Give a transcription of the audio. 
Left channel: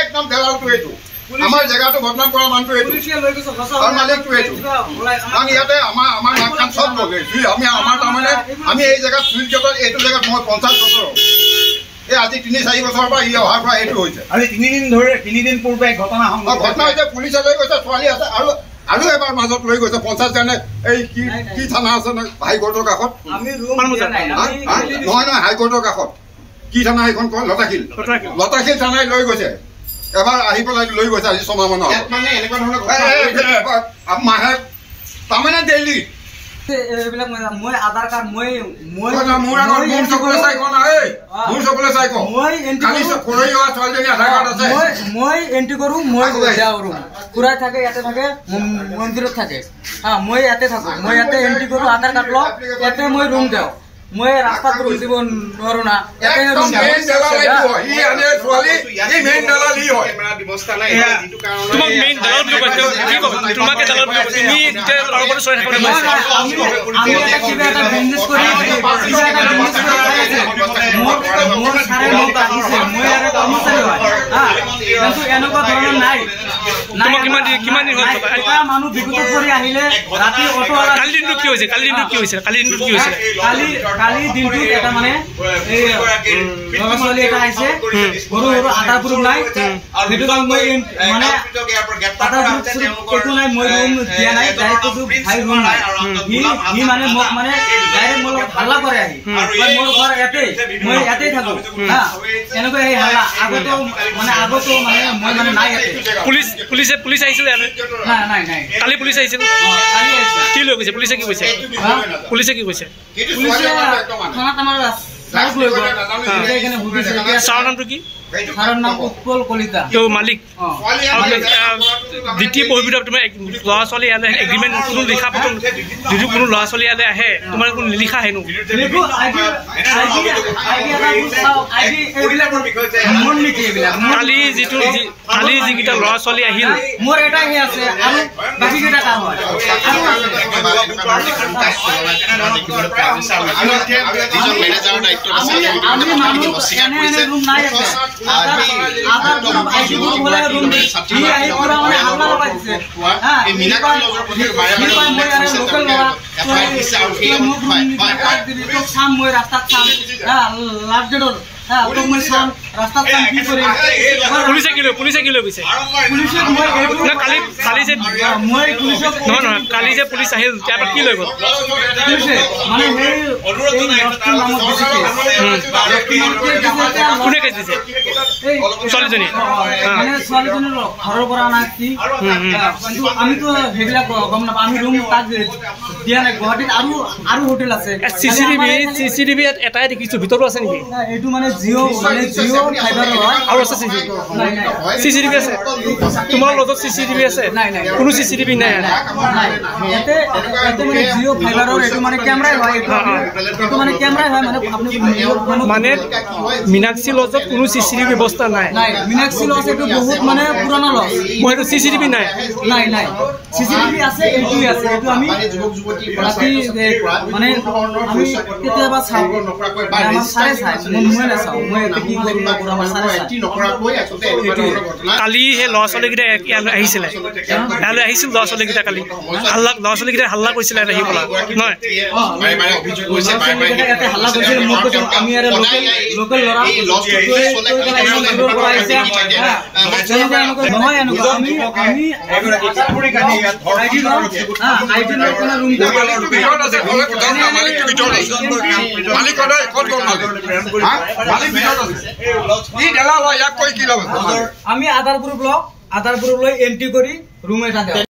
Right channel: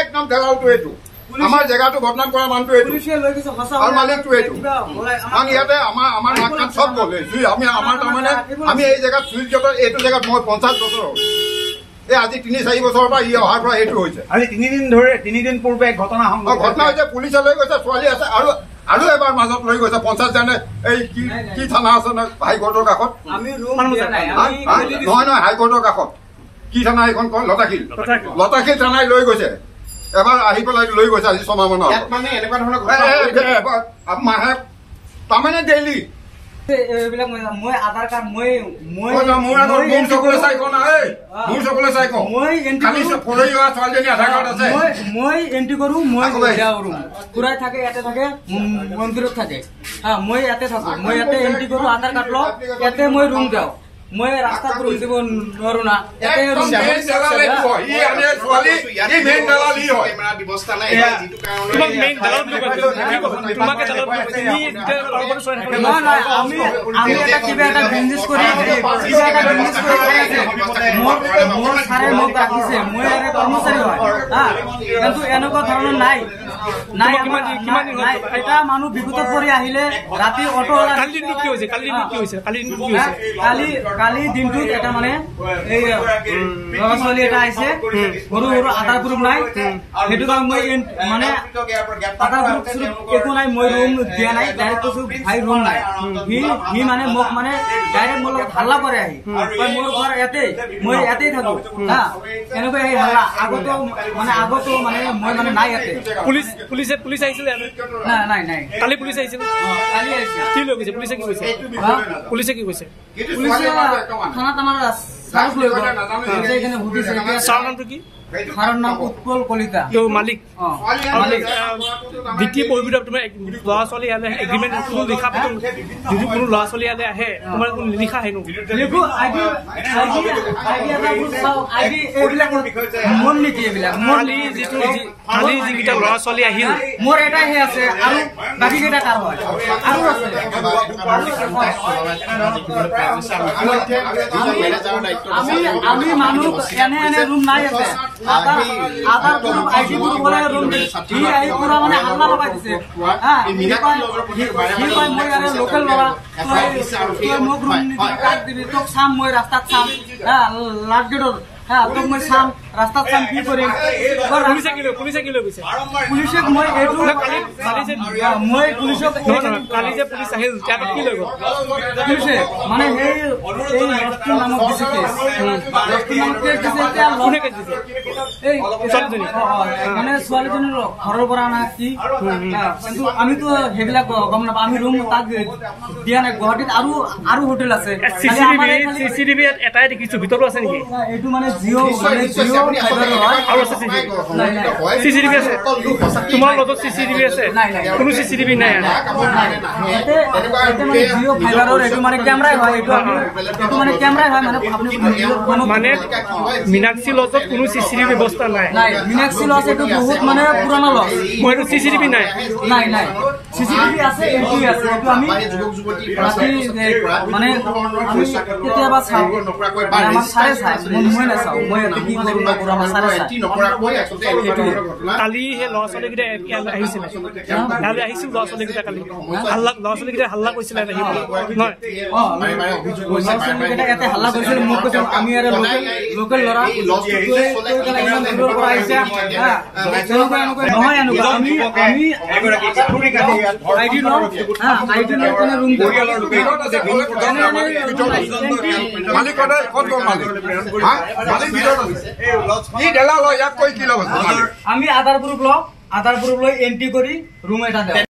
একদম দেৱালটো এইটো আমাৰ জেগাটো বদনাম কৰা মানুহটো এইটো আৰু মালিকটো এইটো কাৰণ ইয়াতে আমাৰ নাক কাণ চব গ'লে আমি আমাৰ তাৰমানে আমি এই জেগাত চুইচ গেটত এইটো জেগাত মই 50 বছৰ এই আজি 3-4 বছৰৰ পৰা ই অহাৰ পৰা এইটো হৈছে আজি 3 দিন পূৰ্বে ঘটনা হৈছে পুলিচে লৈ গৈছে ছোৱালী আছে আৰু এবাৰ মাজত লৈ গৈছে 50 জনে এই কি থানা আছে হাইকোৰ্টৰ কাষত নহয় হাইকোৰ্টৰ কাষত কি থানা এইখন কয় লতাশিল থানাই লৈ গৈছে এবাৰ আহি পেলাই লৈ গৈছে আজি 6 মাহ মানৰ মাহে তাৰমানে ডেইলি এইবিলাক মই আধাৰ কাৰ্ড মই এন্ট্ৰি কৰো মই খুৰাই থাকে ইয়াতে থাকে মন্দিৰত থাকে মই ইয়াতে থাকো মই ইয়াতে এন্ট্ৰি কৰো আধাৰ কাৰ্ড লওঁ ইয়াতে মই ৰুম দিওঁ মই ৰাস্তাত ৰুম দিব নোৱাৰো না ইয়াতে ৰুম এনেকুৱা ধৰণৰ নাই মানুহ বিপদত পৰি আহিলে ৰাতি অটো কালি দিনটোত এটা মানে এই ল'ৰা ছোৱালী এটা আহিছে সৰু আধাৰ প্ৰুফ নাই সেইটো কাৰণ মই মানে আধাৰ প্ৰুফ একো নাই মই ৰুম দিয়া নাই ডাইৰেক্ট কৈছো ভাই ৰুম নাই সি মানে মোক মানে ডাইৰেক্ট মোৰ লগত হাল্লা কৰে আহি মোৰ ঘৰ ইয়াতেই মই ইয়াতেই থাকো এনেকুৱা এই হাল্লা আগতো মানে মই মানে নাই ইয়াতে পুলিচ আহিছিল নাই কালি পুলিচ আহিছিল কি লৈ গৈছে পুলিচে কি কৈছে থানাত আমাৰ ছাৰৰ নামটো কি নাম উৎপল কলিতা মালিক দ্বিতীয় পঢ়িব তোমাৰ ল'ৰা ছোৱালী ইয়ালৈ এগ্ৰিমেণ্ট কোনো লিখা পত্ৰ যদি কোনো ল'ৰা ছোৱালী ইয়ালৈ আহে তোমাৰ কোনো নিলিখা হেনো কালি যিকেইটা ল'ৰা ছোৱালী আহিল মোৰ এটাই হে আছে আৰু বাকী কেইটা কাম হয় আমি মানুহ এনে ৰুম নাই আছে আধাৰ গ্ৰুপ আইডি গ্ৰুপ বলে ৰুম দি আই পুৰা মানে হামলা লগাই দিছে মই আৰে লোকাল লড়া মোক ৰুম নি কাট দিলি তো সাম মই ৰাস্তা সাম লাটগেটৰ তো মই সাম রাস্তা সাম কি করে পুলিশে কি লৈ গৈছে পুলিশে মই এইটো কালি যে মই পুলিশক নহয় কালি যে পুলিচ আহিল তাৰ কি লৈ গ'ল পুলিশে মানে এই নষ্ট নামত দিছে কোনে কেছ দিছে এই ছোৱালীজনী মানে ছোৱালীজনীৰ ঘৰৰ পৰা না কি কিন্তু আমি তো হেবিলাক গম নাপাওঁ আমি ৰুম তাক দিয়া নাই গুৱাহাটীত আৰু হোটেল আছে চিচিটিভি এটাই দেখিছো ভিতৰত আছে নেকি এইটো মানে জিঅ ফাইবাৰ হয় আৰু আছে চিচিটিভি আছে তোমাৰ লগত চিচিটিভি আছে নাই কোনো চিচিটিভি নাই ইয়াতে মানে জিঅ ফাইবাৰৰ এইটো মানে কেমেৰাই হয় এইটো মানে কেমেৰাই হয় মানে আপুনি মানে মিনাক্ষী লজত কোনো চিচিটিভি ব্যৱস্থা নাই মিনাক্ষী লজ এইটো বহুত মানে পুৰণা লজ মই এইটো চিচিটিভি নাই চিচিটিভি আছে এইটোই আছে এইটো আমি ৰাতি মানে আমি কেতিয়াবা চাওঁ আমাৰ চাৰে চাই মই নাচাওঁ মই কি কৰোঁ নকৰোঁ আমাৰ চাৰে চাই কালি সেই ল'ৰা ছোৱালীকেইটা আহিছিলে ইয়ালৈ আহিছিল ল'ৰা ছোৱালীকেইটা কালি ল'ৰা ছোৱালীকেইটা হাল্লা কৰিছিলে আহি পেলাই নহয় হাল্লা কৰিছিল মোক কৈছে আমি আৰু লোকেল ল'ৰা নহয় এনেকুৱা আমি আধাৰ প্ৰুফ লৈ এন্ট্ৰি কৰি ৰুম এটা দিওঁ